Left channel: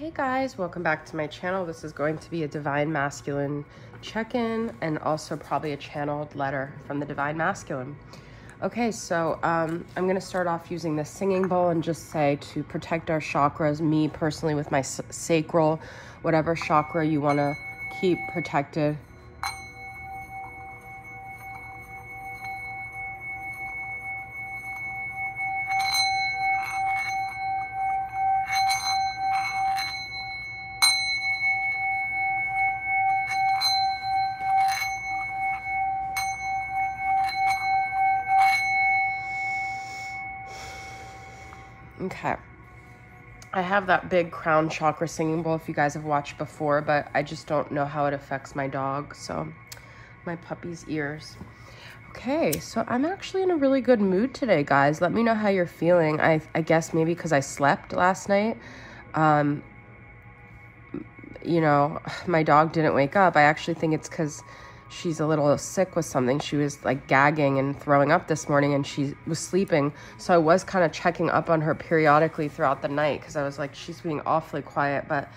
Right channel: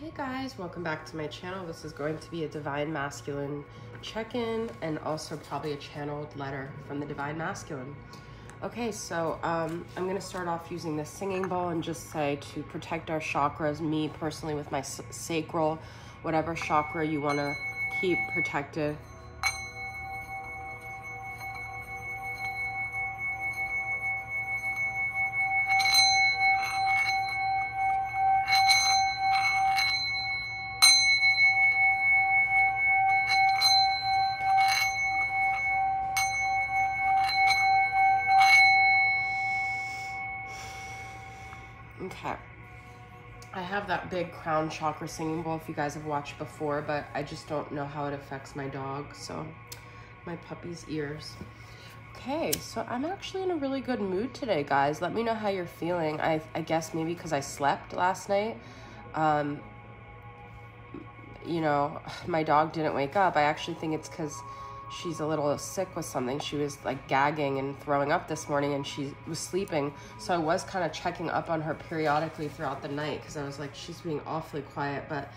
Hey guys, welcome back to my channel. This is going to be a Divine Masculine check-in and also probably a channeled letter from the Divine Masculine. Okay, so I'm going to start off using this singing bowl and just say to protect our chakras, me personally with my sacral, whatever chakra you want to keep protected. Okay, I have that big crown chakra singing bowl if you guys have watched before, but I just don't know how it affects my dog, so my puppy's ears. Okay, so I'm actually in a really good mood today, guys. Let me know how you're feeling. I guess maybe because I slept last night. You know, my dog didn't wake up. I actually think it's because she's a little sick with something. She was like gagging and throwing up this morning and she was sleeping. So I was kind of checking up on her periodically throughout the night because I was like, she's being awfully quiet. But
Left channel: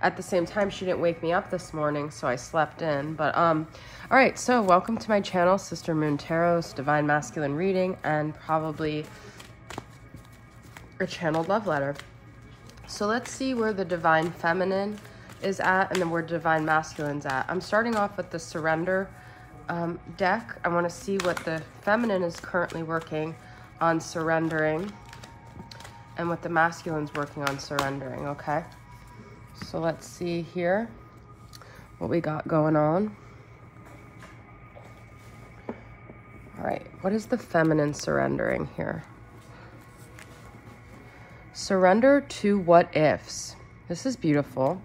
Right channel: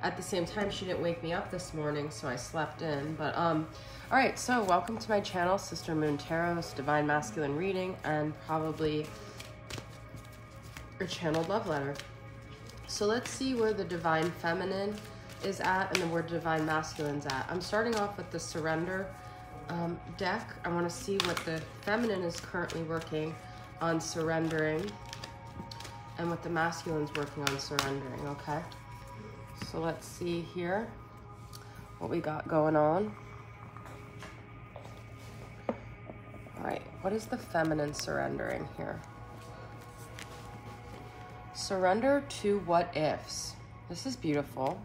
at the same time, she didn't wake me up this morning, so I slept in. But all right, so welcome to my channel, Sister Moon Tarot, Divine Masculine reading, and probably a channeled love letter. So let's see where the Divine Feminine is at and then where Divine Masculine's at. I'm starting off with the Surrender deck. I want to see what the Feminine is currently working on surrendering and what the Masculine's working on surrendering, okay? So let's see here what we got going on. All right, what is the Feminine surrendering here? Surrender to what ifs. This is beautiful.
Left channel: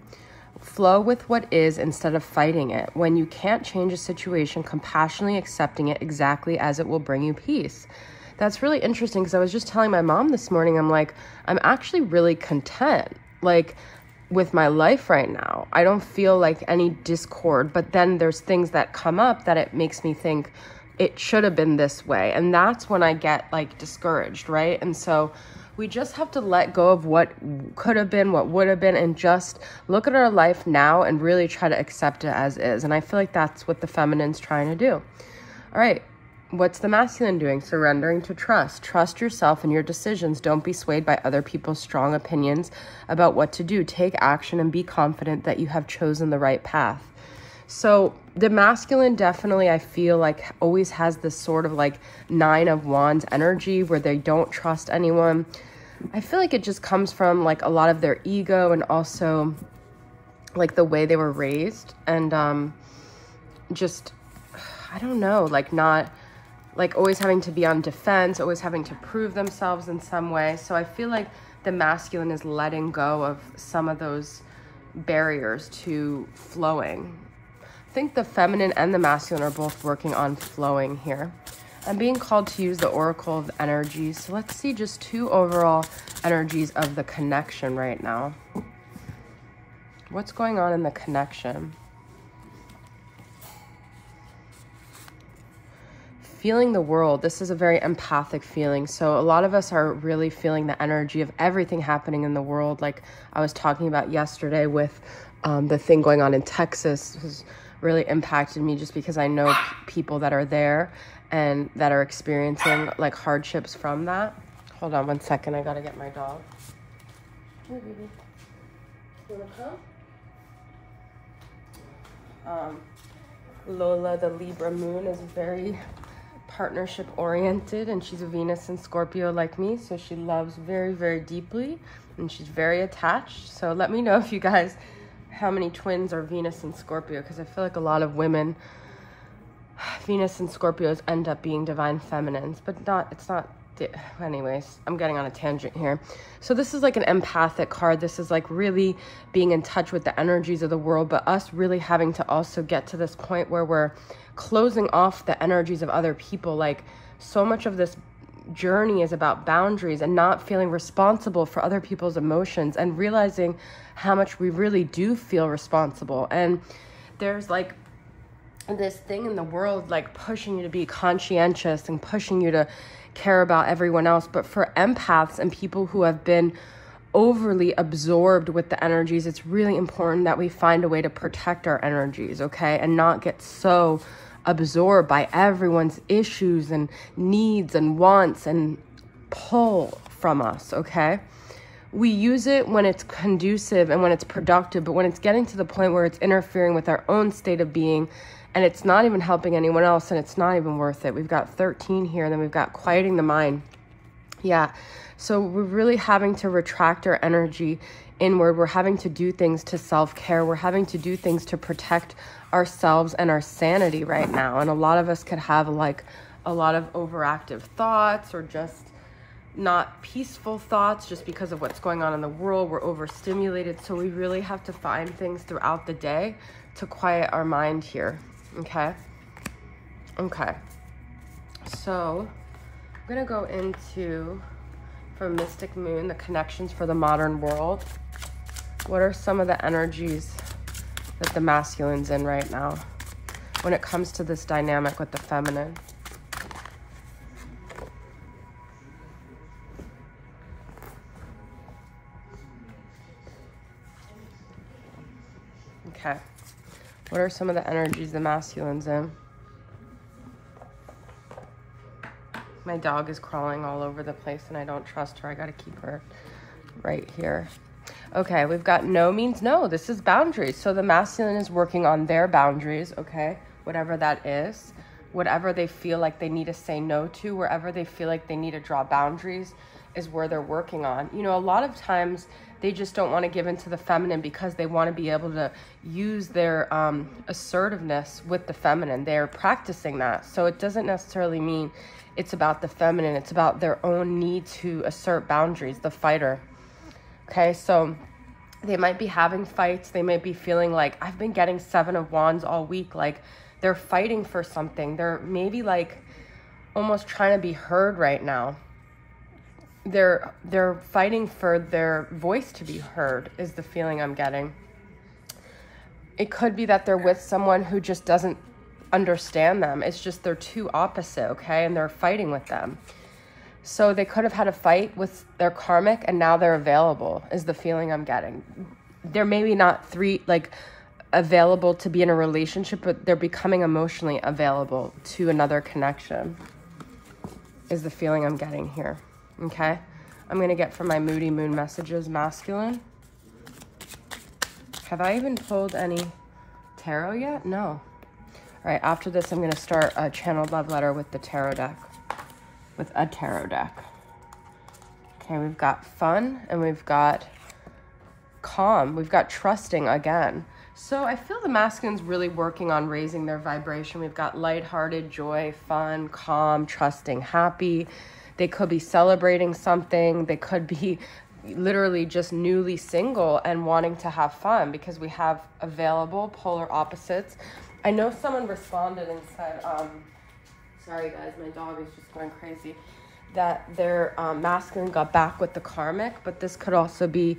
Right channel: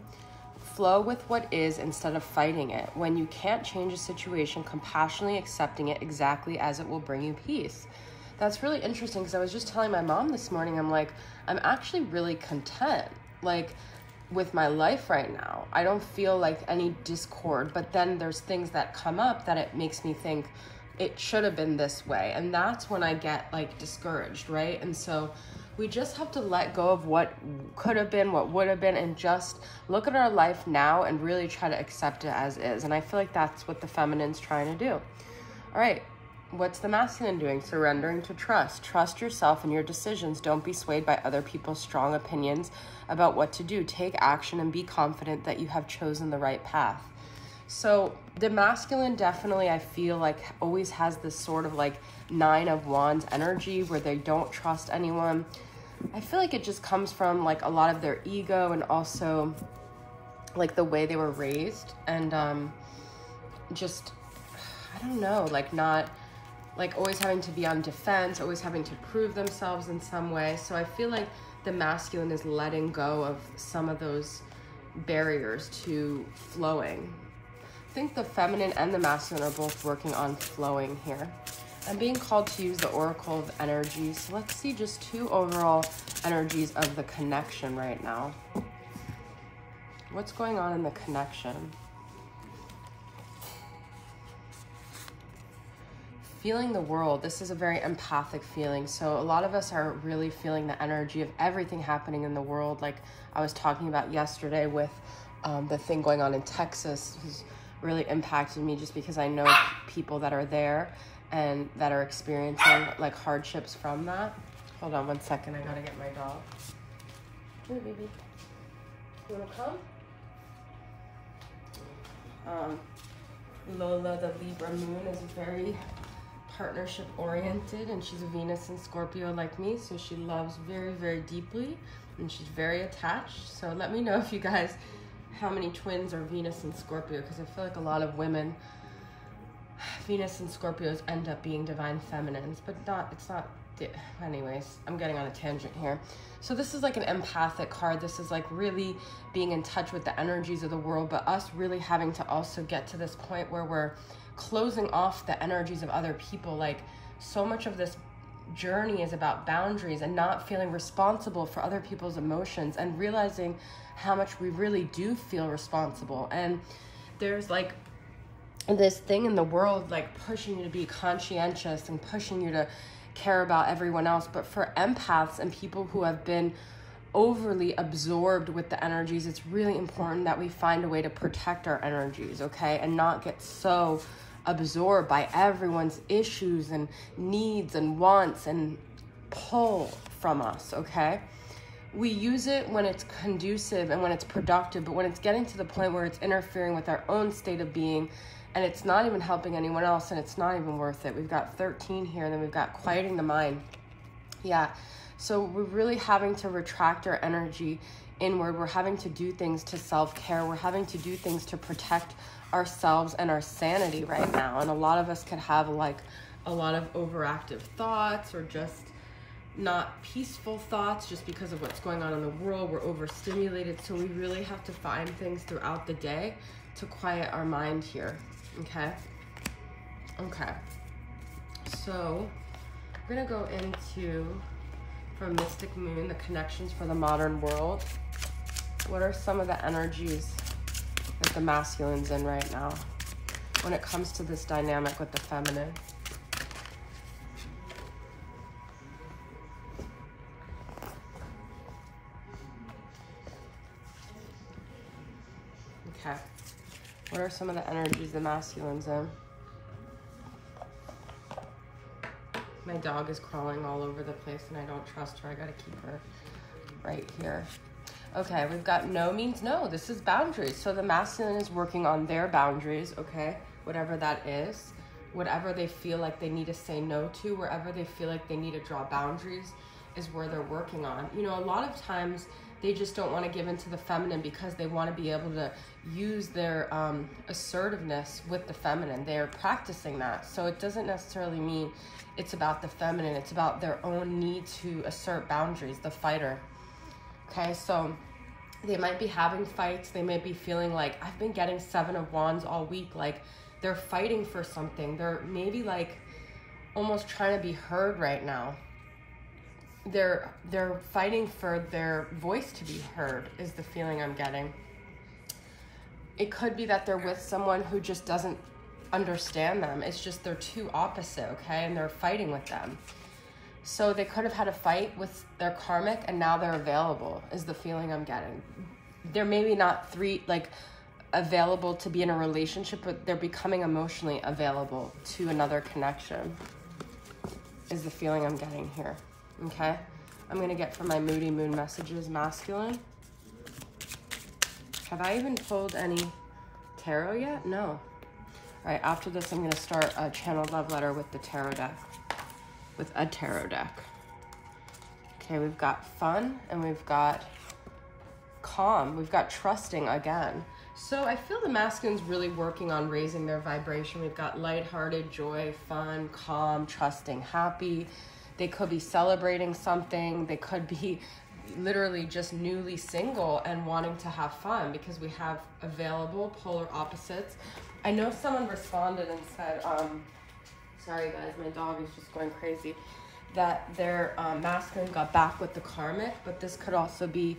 Flow with what is instead of fighting it. When you can't change a situation, compassionately accepting it exactly as it will bring you peace. That's really interesting because I was just telling my mom this morning, I'm like, I'm actually really content, like, with my life right now. I don't feel like any discord, but then there's things that come up that it makes me think it should have been this way. And that's when I get like discouraged, right? And so we just have to let go of what could have been, what would have been, and just look at our life now and really try to accept it as is. And I feel like that's what the Feminine's trying to do. All right, what's the Masculine doing? Surrendering to trust. Trust yourself and your decisions. Don't be swayed by other people's strong opinions about what to do. Take action and be confident that you have chosen the right path. So the Masculine definitely, I feel like, always has this sort of like 9 of Wands energy where they don't trust anyone. I feel like it just comes from like a lot of their ego and also like the way they were raised and just, I don't know, like not like always having to be on defense, always having to prove themselves in some way. So I feel like the Masculine is letting go of some of those barriers to flowing. I think the Feminine and the Masculine are both working on flowing here. I'm being called to use the Oracle of Energies. So let's see just 2 overall energies of the connection right now. What's going on in the connection? Feeling the world. This is a very empathic feeling. So a lot of us are really feeling the energy of everything happening in the world. Like I was talking about yesterday with the thing going on in Texas. Has really impacted me just because I know people that are there and that are experiencing like hardships from that. Hold on 1 second, I gotta get my dog. Hey baby, you wanna come? Lola, the Libra moon, is very partnership oriented and she's a Venus and Scorpio like me, so she loves very, very deeply and she's very attached. So let me know if you guys, how many twins are Venus and Scorpio, because I feel like a lot of women, Venus and Scorpios end up being Divine Feminines, but it's not, anyways, I'm getting on a tangent here. So this is like an empathic card. This is like really being in touch with the energies of the world, but us really having to also get to this point where we're closing off the energies of other people. Like so much of this journey is about boundaries and not feeling responsible for other people's emotions and realizing how much we really do feel responsible. And there's like this thing in the world like pushing you to be conscientious and pushing you to care about everyone else. But for empaths and people who have been overly absorbed with the energies. It's really important that we find a way to protect our energies, okay? And not get so absorbed by everyone's issues and needs and wants and pull from us, okay? We use it when it's conducive and when it's productive, but when it's getting to the point where it's interfering with our own state of being and it's not even helping anyone else and it's not even worth it. We've got 13 here, and then we've got quieting the mind. Yeah, so we're really having to retract our energy inward. We're having to do things to self-care. We're having to do things to protect ourselves and our sanity right now. And a lot of us could have like a lot of overactive thoughts or just not peaceful thoughts just because of what's going on in the world. We're overstimulated. So we really have to find things throughout the day to quiet our mind here. Okay. Okay. So I'm going to go into, from Mystic Moon, the connections for the modern world. What are some of the energies that the masculine's in right now when it comes to this dynamic with the feminine? Okay. What are some of the energies the masculine's in? My dog is crawling all over the place and I don't trust her. I gotta keep her right here. Okay, we've got no means no. This is boundaries. So the masculine is working on their boundaries, okay? Whatever that is. Whatever they feel like they need to say no to, wherever they feel like they need to draw boundaries is where they're working on. You know, a lot of times they just don't want to give into the feminine because they want to be able to use their assertiveness with the feminine. They're practicing that. So it doesn't necessarily mean it's about the feminine. It's about their own need to assert boundaries, the fighter. Okay, so they might be having fights. They may be feeling like, I've been getting 7 of Wands all week. Like they're fighting for something. They're maybe like almost trying to be heard right now. They're fighting for their voice to be heard is the feeling I'm getting. It could be that they're with someone who just doesn't understand them. It's just they're too opposite, okay? And they're fighting with them. So they could have had a fight with their karmic and now they're available is the feeling I'm getting. They're maybe not available to be in a relationship, but they're becoming emotionally available to another connection is the feeling I'm getting here. Okay, I'm gonna get from my Moody Moon messages, masculine. Have I even pulled any tarot yet? No. All right, after this, I'm gonna start a channeled love letter with the tarot deck, with a tarot deck. Okay, we've got fun and we've got calm. We've got trusting again. So I feel the masculine's really working on raising their vibration. We've got lighthearted, joy, fun, calm, trusting, happy. They could be celebrating something. They could be literally just newly single and wanting to have fun because we have available polar opposites. I know someone responded and said, sorry guys, my dog is just going crazy, that their masculine got back with the karmic, but this could also be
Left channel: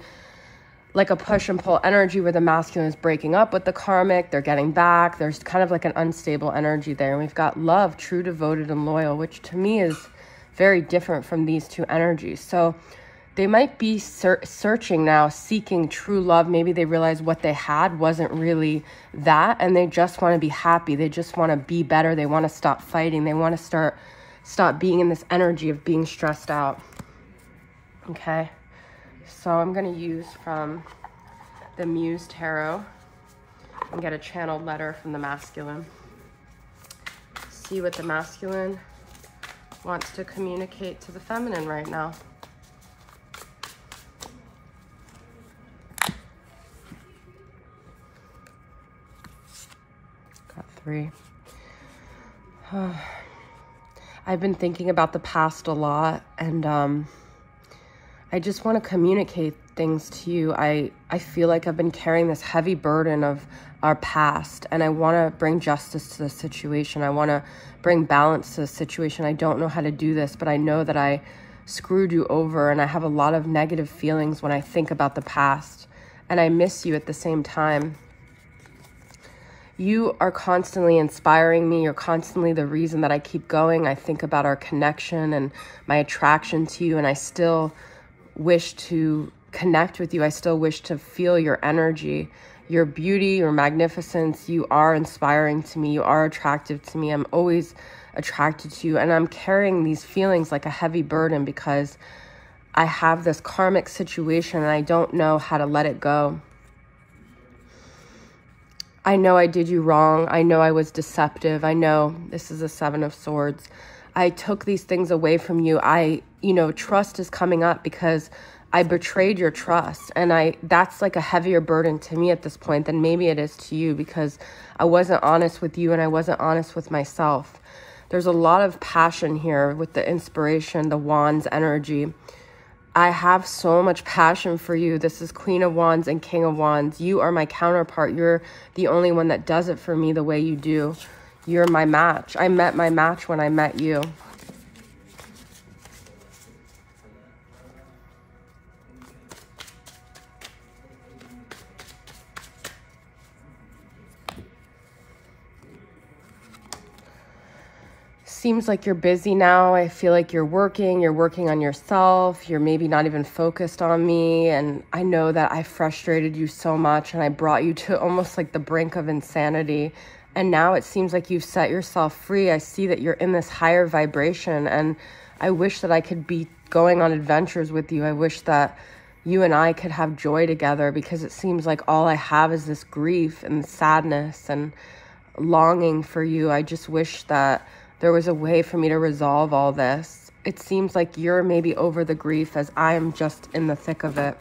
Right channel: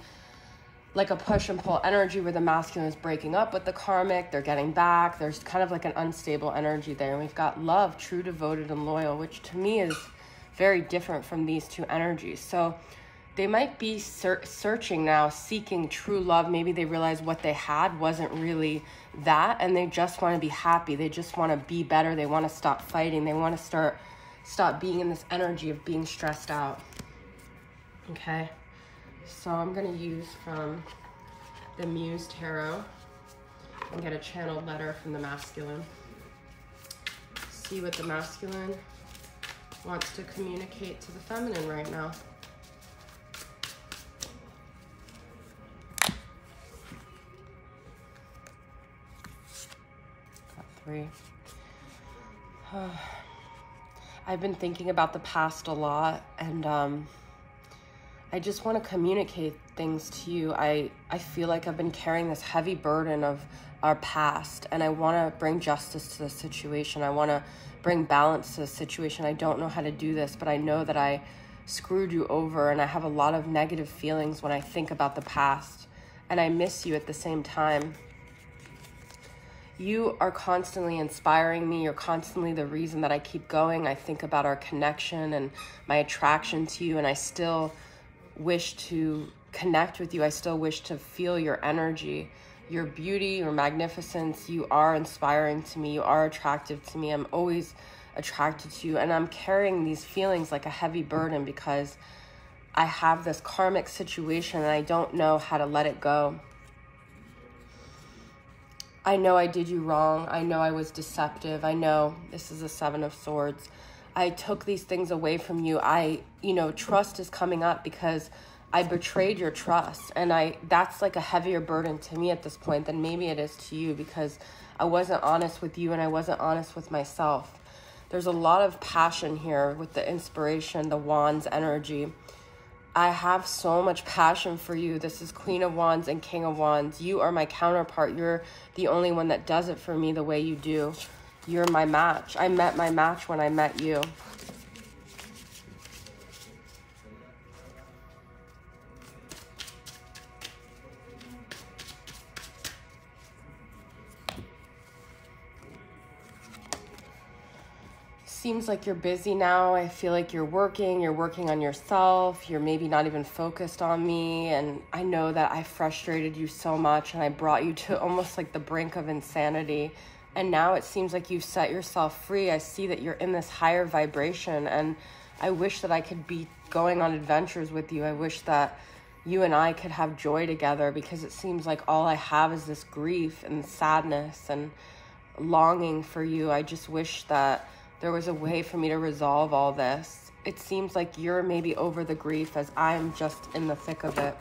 like a push and pull energy where the masculine is breaking up with the karmic, they're getting back. There's kind of like an unstable energy there. And we've got love, true, devoted, and loyal, which to me is very different from these two energies. So they might be searching now, seeking true love. Maybe they realize what they had wasn't really that, and they just want to be happy. They just want to be better. They want to stop fighting. They want to stop being in this energy of being stressed out. Okay, so I'm going to use from the Muse Tarot and get a channeled letter from the masculine. See what the masculine wants to communicate to the feminine right now. Got 3. I've been thinking about the past a lot, and I just want to communicate things to you. I feel like I've been carrying this heavy burden of our past, and I want to bring justice to the situation. I want to bring balance to the situation. I don't know how to do this, but I know that I screwed you over, and I have a lot of negative feelings when I think about the past, and I miss you at the same time. You are constantly inspiring me. You're constantly the reason that I keep going. I think about our connection and my attraction to you, and I still wish to connect with you. I still wish to feel your energy, your beauty, your magnificence. You are inspiring to me. You are attractive to me. I'm always attracted to you. And I'm carrying these feelings like a heavy burden because I have this karmic situation and I don't know how to let it go. I know I did you wrong. I know I was deceptive. I know this is a 7 of Swords. I took these things away from you. Trust is coming up because I betrayed your trust. And that's like a heavier burden to me at this point than maybe it is to you, because I wasn't honest with you and I wasn't honest with myself. There's a lot of passion here with the inspiration, the Wands energy. I have so much passion for you. This is Queen of Wands and King of Wands. You are my counterpart. You're the only one that does it for me the way you do. You're my match. I met my match when I met you. Seems like you're busy now. I feel like you're working on yourself. You're maybe not even focused on me. And I know that I frustrated you so much and I brought you to almost like the brink of insanity. And now it seems like you've set yourself free. I see that you're in this higher vibration, and I wish that I could be going on adventures with you. I wish that you and I could have joy together, because it seems like all I have is this grief and sadness and longing for you. I just wish that there was a way for me to resolve all this. It seems like you're maybe over the grief as I'm just in the thick of it.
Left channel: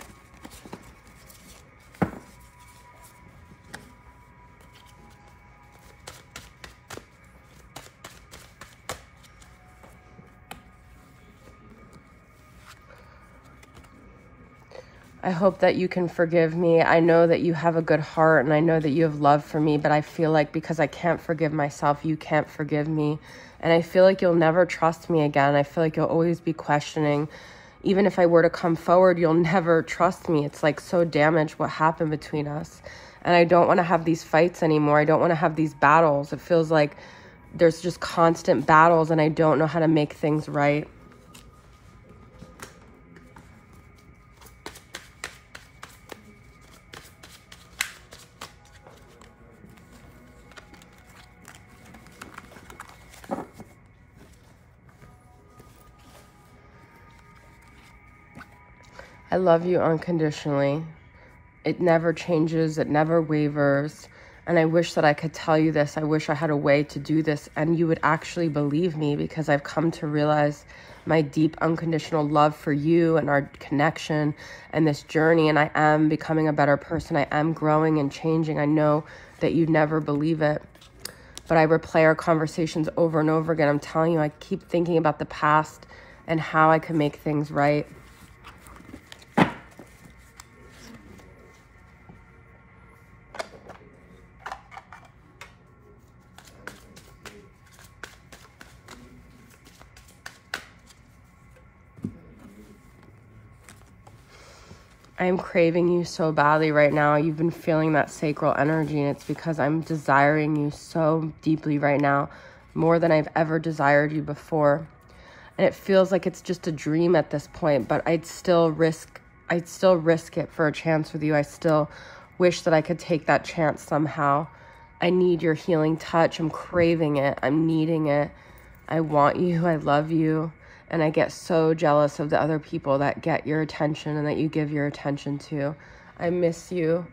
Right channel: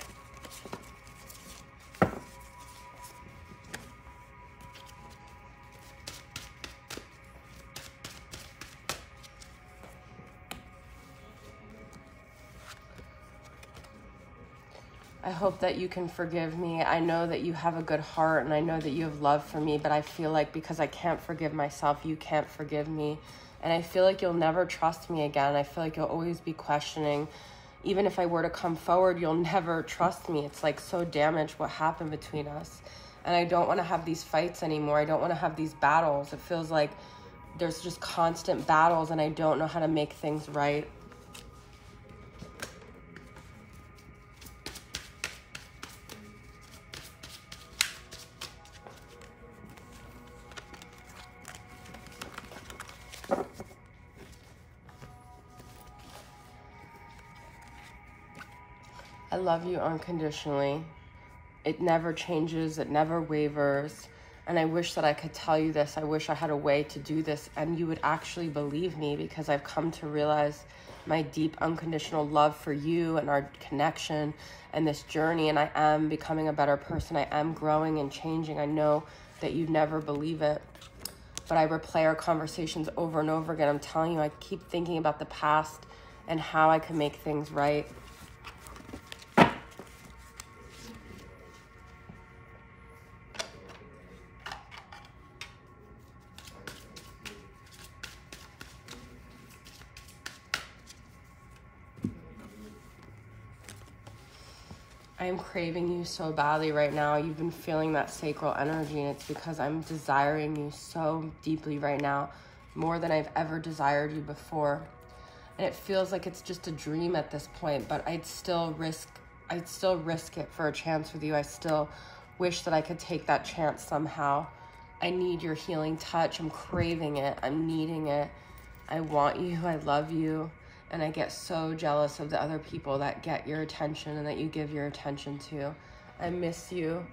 I hope that you can forgive me. I know that you have a good heart and I know that you have love for me, but I feel like because I can't forgive myself, you can't forgive me. And I feel like you'll never trust me again. I feel like you'll always be questioning. Even if I were to come forward, you'll never trust me. It's like so damaged what happened between us. And I don't want to have these fights anymore. I don't want to have these battles. It feels like there's just constant battles and I don't know how to make things right. I love you unconditionally. It never changes. It never wavers. And I wish that I could tell you this. I wish I had a way to do this and you would actually believe me, because I've come to realize my deep unconditional love for you and our connection and this journey. And I am becoming a better person. I am growing and changing. I know that you never believe it, but I replay our conversations over and over again. I'm telling you, I keep thinking about the past and how I can make things right. I am craving you so badly right now. You've been feeling that sacral energy, and it's because I'm desiring you so deeply right now, more than I've ever desired you before. And it feels like it's just a dream at this point, but I'd still risk it for a chance with you. I still wish that I could take that chance somehow. I need your healing touch. I'm craving it. I'm needing it. I want you. I love you. And I get so jealous of the other people that get your attention and that you give your attention to. I miss you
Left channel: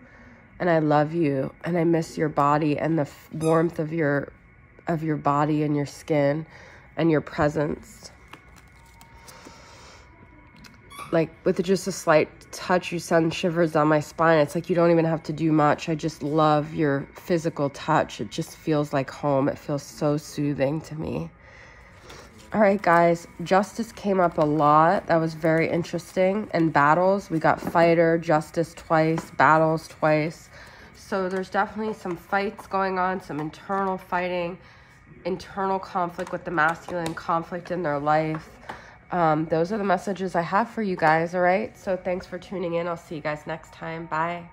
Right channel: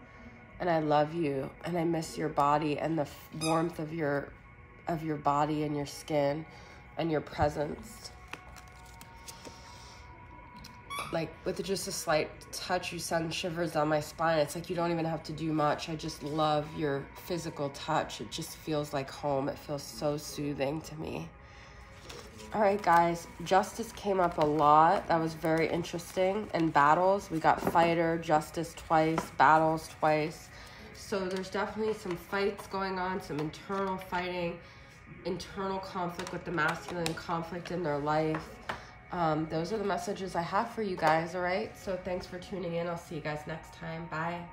and I love you, and I miss your body and the warmth of your body and your skin and your presence. Like with just a slight touch, you send shivers down my spine. It's like you don't even have to do much. I just love your physical touch. It just feels like home. It feels so soothing to me. All right, guys, justice came up a lot. That was very interesting. And battles, we got fighter, justice twice, battles twice. So there's definitely some fights going on, some internal fighting, internal conflict with the masculine, conflict in their life. Those are the messages I have for you guys, all right? So thanks for tuning in. I'll see you guys next time. Bye.